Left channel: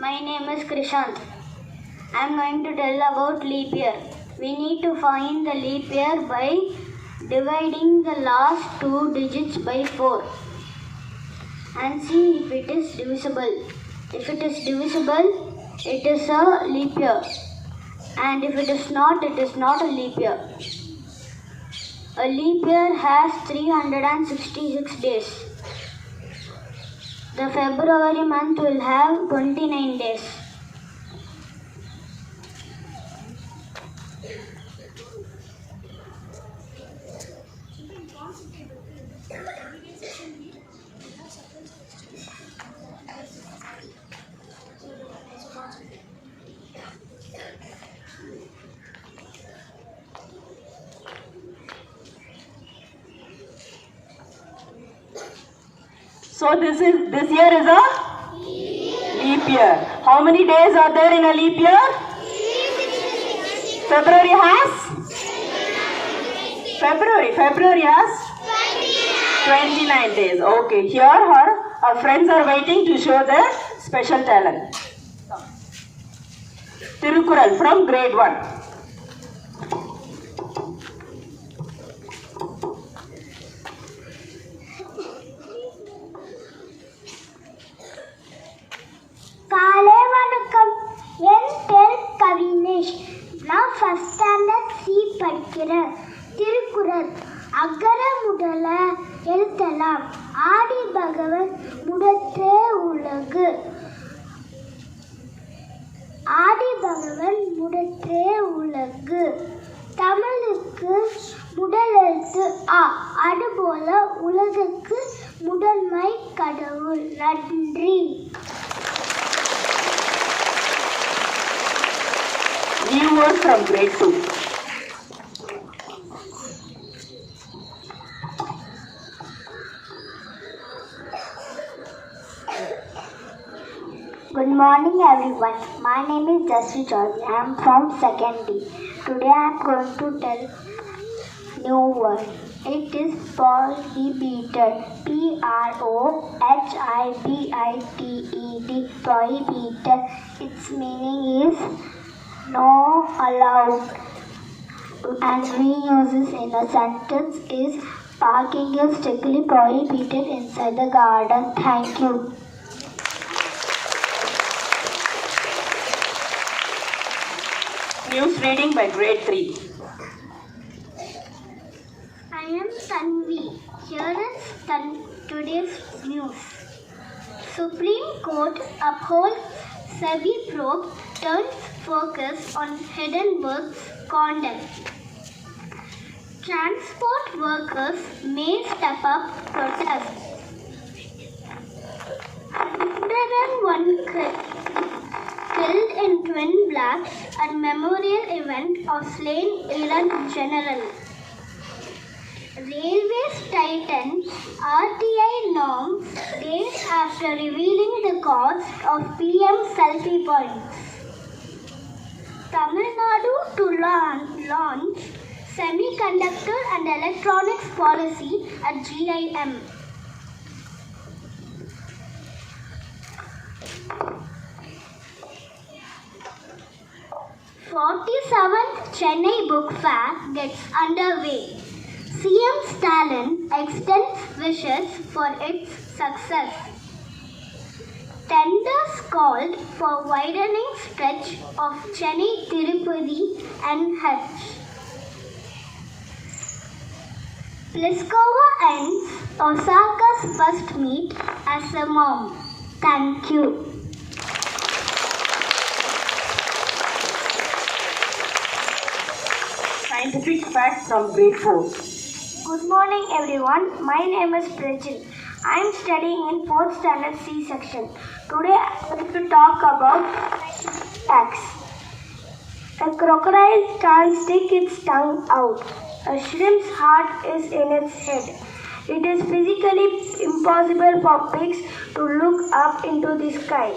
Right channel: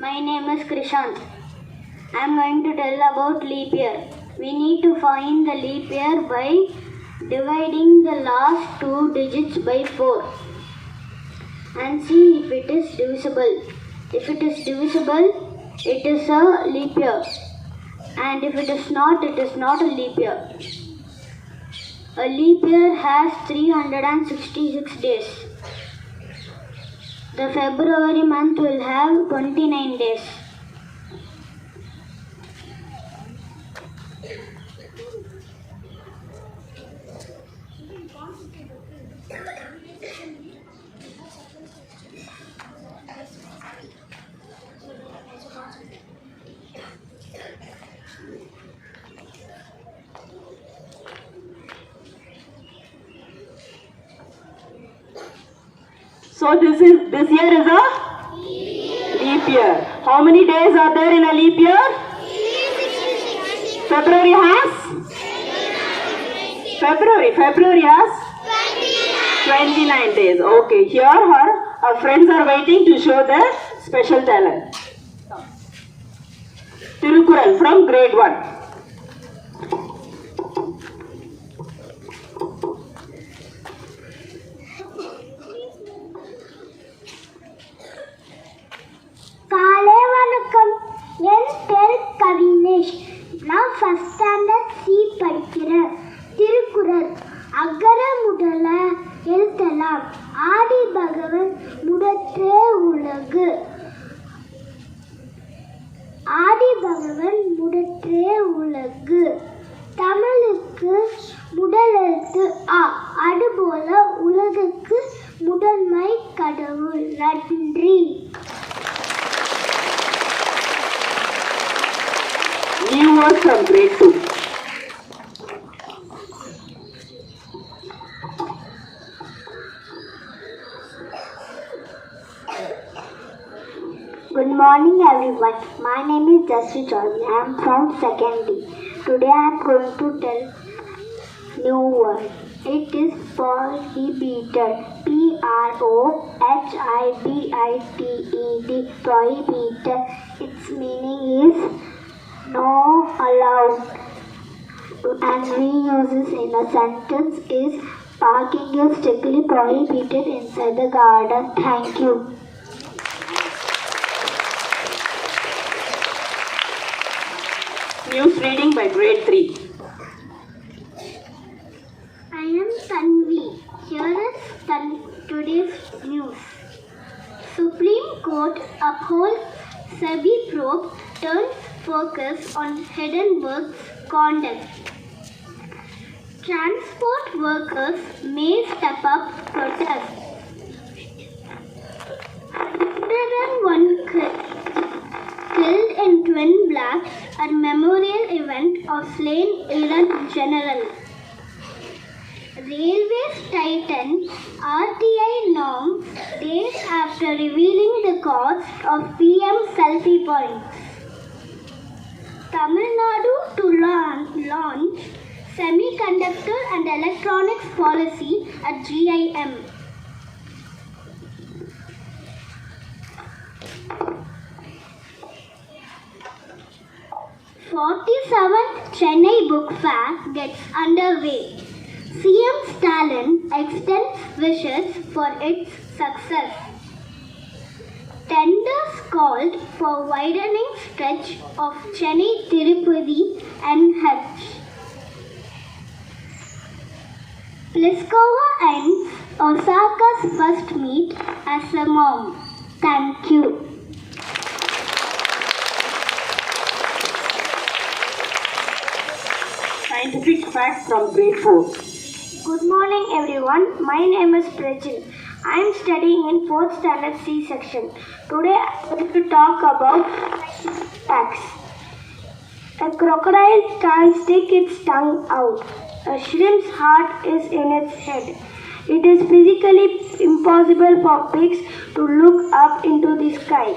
My name is Krishant. I am going to tell about leap year. We need to find the leap year by dividing the last two digits by 4 and see if it is divisible. If it is divisible, it is a leap year, and if it is not a leap year. A leap year has 366 days. The February month will have 29 days. So this year is a leap year. How many days are there in a leap year? February has 29 days. Okay, here our friends are waiting to show their special talent. Tirukural from grade 1. காலை வணக்கம். என் பேர் கவினேஷ். நான் first standard C படிக்கிறேன். திருக்குறள். அகர முதல எழுத்தெல்லாம் ஆதி பகவன் முதற்றே உலகு. ஆதி பகவன் முதற்றே உலகு. தமிழுக்கு முதல் எழுத்து ஆ. அதுபோல உலகுக்கு முதன்மை கடவுள். நன்றி. New word from grade 2. Good morning everyone. My name is Jasri Chaudhary. I am from 2nd D. Today I am going to tell new word. It is prohibited. Prohibited. Prohibited. Its meaning is no allowed, and we use this in a sentence is parking is strictly prohibited inside the garden. Thank you. News reading by grade 3. I am Tanvi. Here is today's news. Supreme Court upholds SEBI probe turns focus on Hindenburg's conduct. Transport workers may step up protest. 101 killed in twin blasts at memorial event of slain Iran general. Railways tighten RTI norms days after revealing the cost of PM selfie points. Tamil Nadu to launch semiconductor and electronics policy at GIM. '47th Chennai Book Fair gets underway. CM Stalin extends wishes for its success. Tenders called for widening stretch of Chennai-Tirupati NH. Pliskova ends Osaka's first meet as a mom. Thank you. Scientific fact from grade 4. Good morning everyone. My name is Prajit. I am studying in 4th standard C section. Today I am going to talk about facts. A crocodile can't stick its tongue out. A shrimp's heart is in its head. It is physically impossible for pigs to look up into the sky.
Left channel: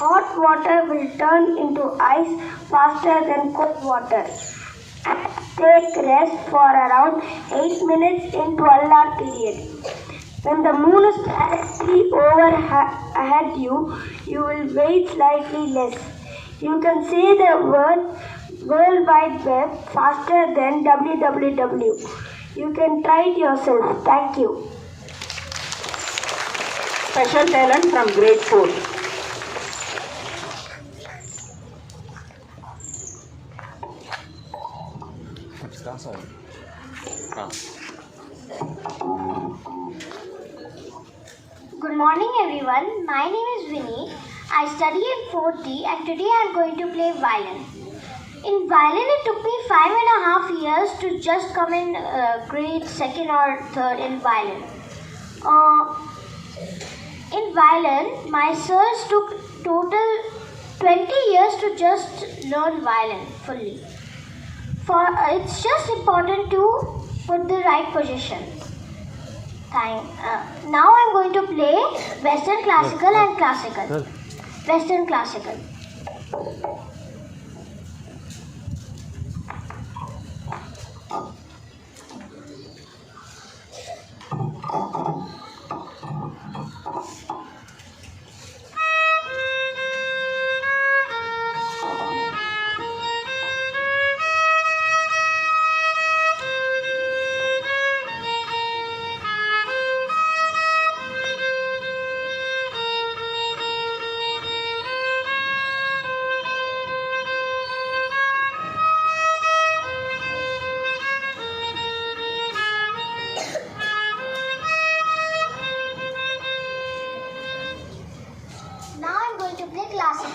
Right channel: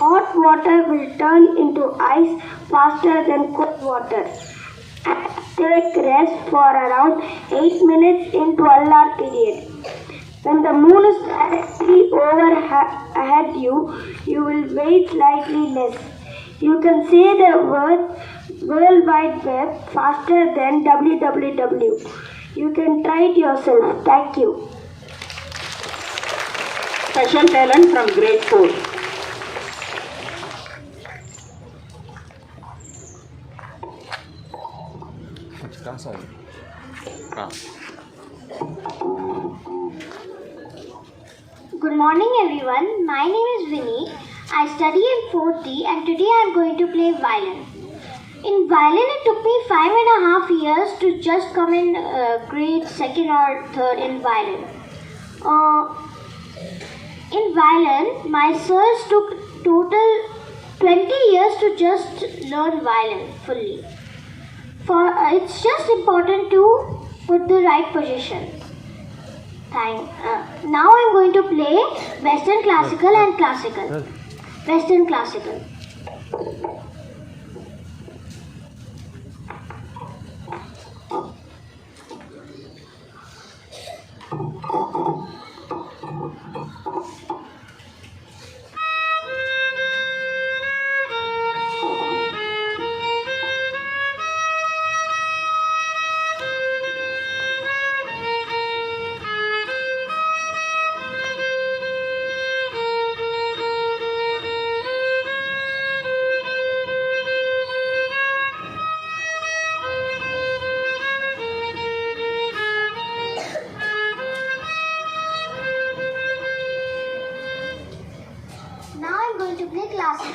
Hot water will turn into ice faster than cold water. Ants take rest for around 8 minutes in 12-hour period. When the moon is directly overhead you will wait slightly less. You can say the word World Wide Web faster than www. You can try it yourself. Thank you. Special talent from grade 4. Good morning everyone. My name is Vinny. I study in 4th and today I am going to play violin. In violin it took me 5.5 years to just come in grade 2nd or 3rd in violin. In violin, my sirs took total 20 years to just learn violin fully. It's just important to put the right position. Now I'm going to play Western Classical and Classical. Western Classical. Now I'm going to play classical.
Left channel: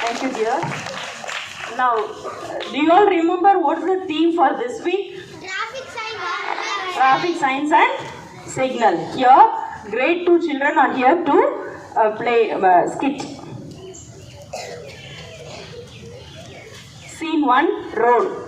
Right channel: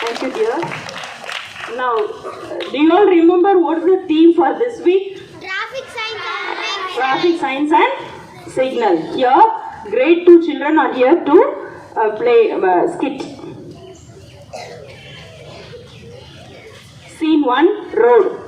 Thank you, dear. Now, do you all remember what's the theme for this week? Traffic signs and signal. Here, grade 2 children are here to play skit. Scene 1, road.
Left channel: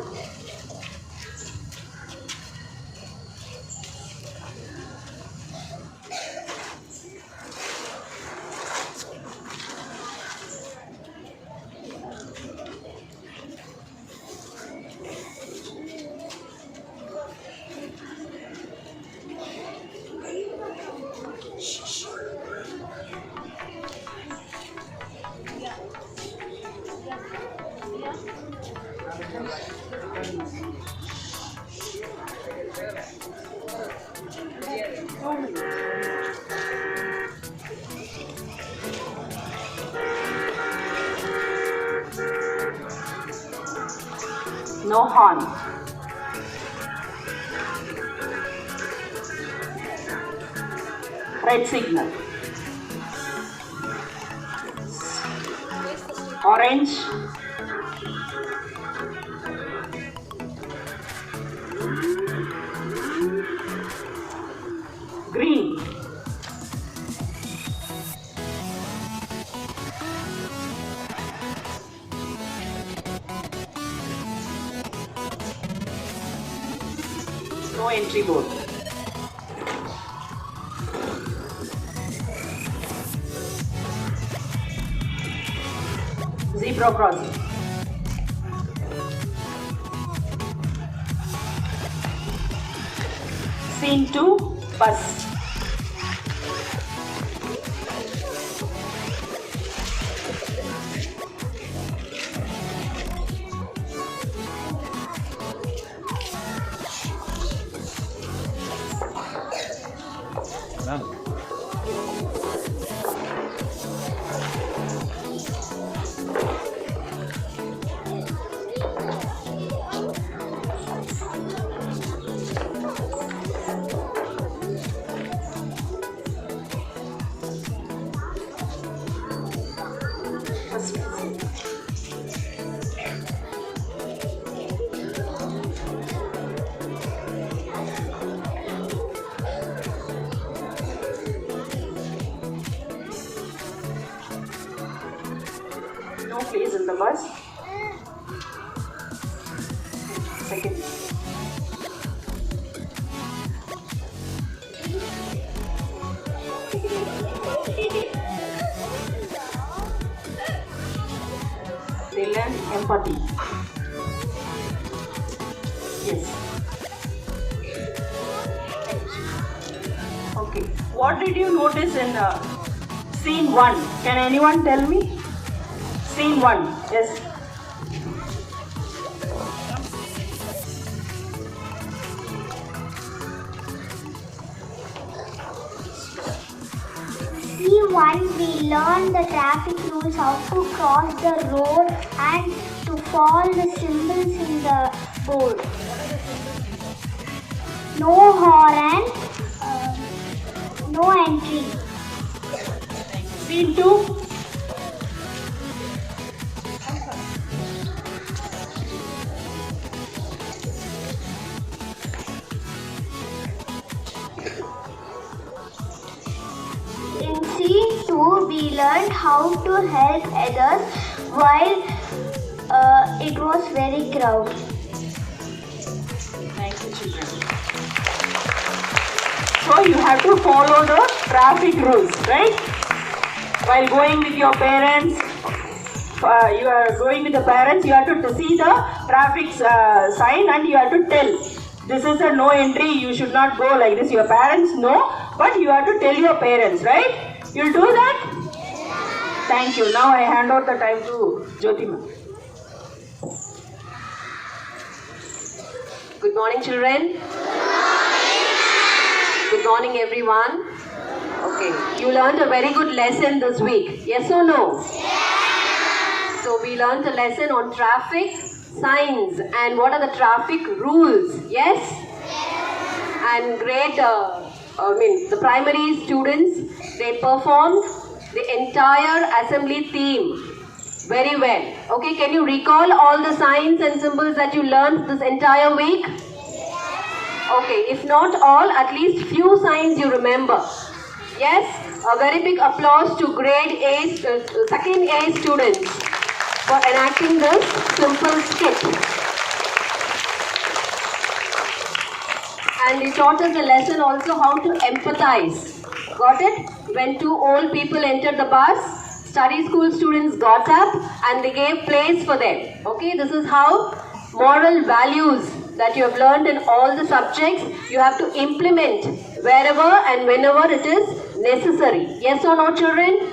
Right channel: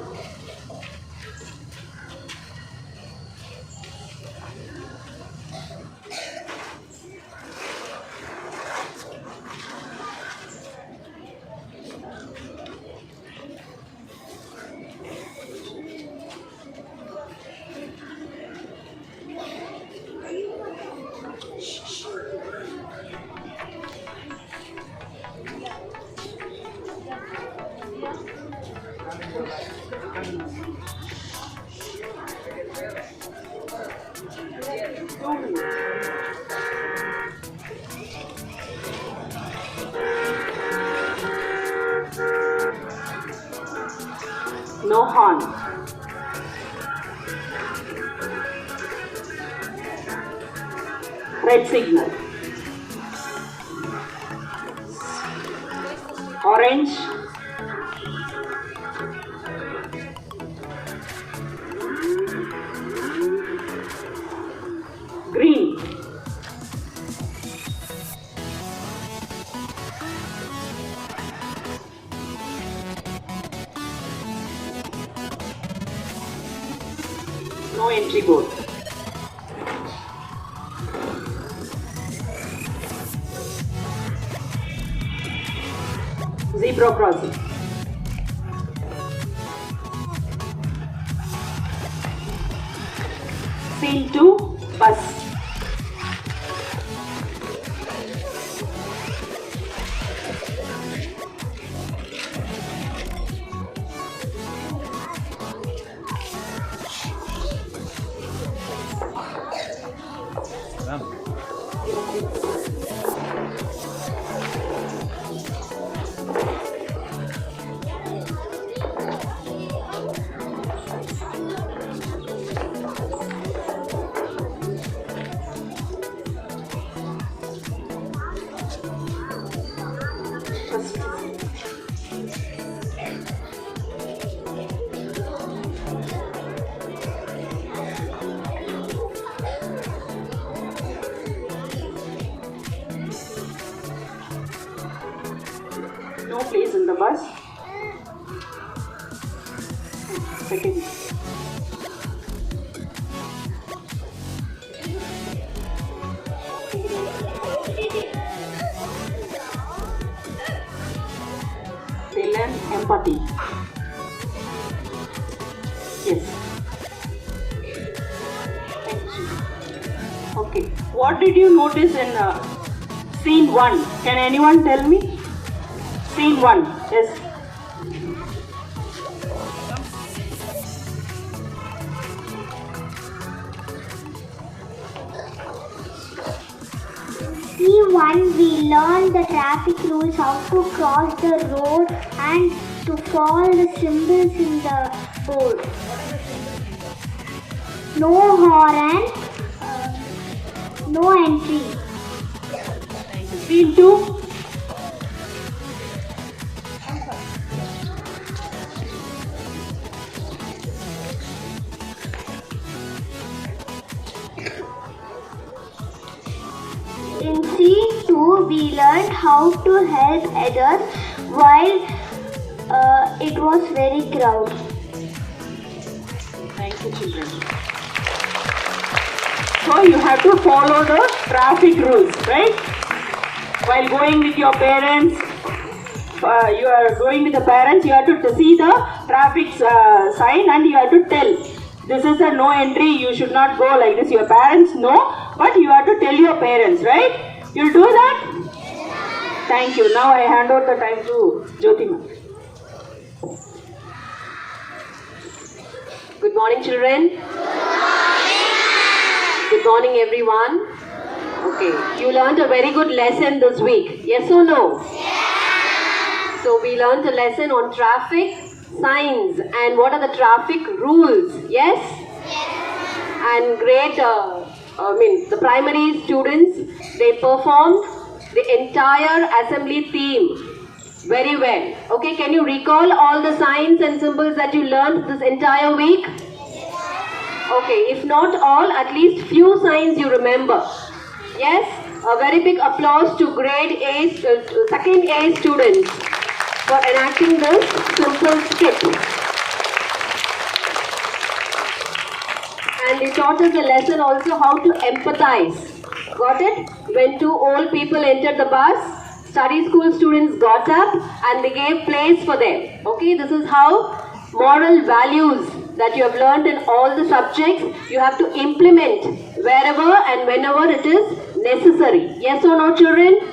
No horn. Red signal. Orange. Green. No entry board. zebra crossing. Scene 2, bus. No place in the bus. Second. They learn empathy. Yes. Okay. What did you notice in scene 1? Can anyone tell me? Scene 1. Yes. C1 we learn the traffic rules, how to cross the road and to follow the symbols in the board. No horn, no entry. Scene 2. In scene 2 we learned how to help others while it was very crowded. Thank you, children. So you have to follow the traffic rules, right? While going with your parents, you are going with the parents, you have to see the traffic sign and you have to tell. This is a no entry, you should not go like this. Your parents know, but you have to tell your parents, right? You'll do that? Thank you. Now I hand over the time to Jyotima. Good morning, children. Good morning, everyone. Okay, you learned a very good lesson this week. Yes or no? Yes. So we learned a lesson on traffic signs and what are the traffic rules. Yes? Yes. And great, the primary students, they performed the entire assembly theme very well. Okay, can you recall all the signs and symbols that you learned this entire week? Okay, if not all, at least few signs you remember. Yes, a very big applause to grade A, second A students for enacting this simple skit. And you taught us a lesson also how to empathize. Got it? When two old people entered the bus, study school students got up and they gave place for them. Okay, this is how moral values that you have learned in all the subjects, you have to implement wherever and whenever it is necessary. Yes or no, children?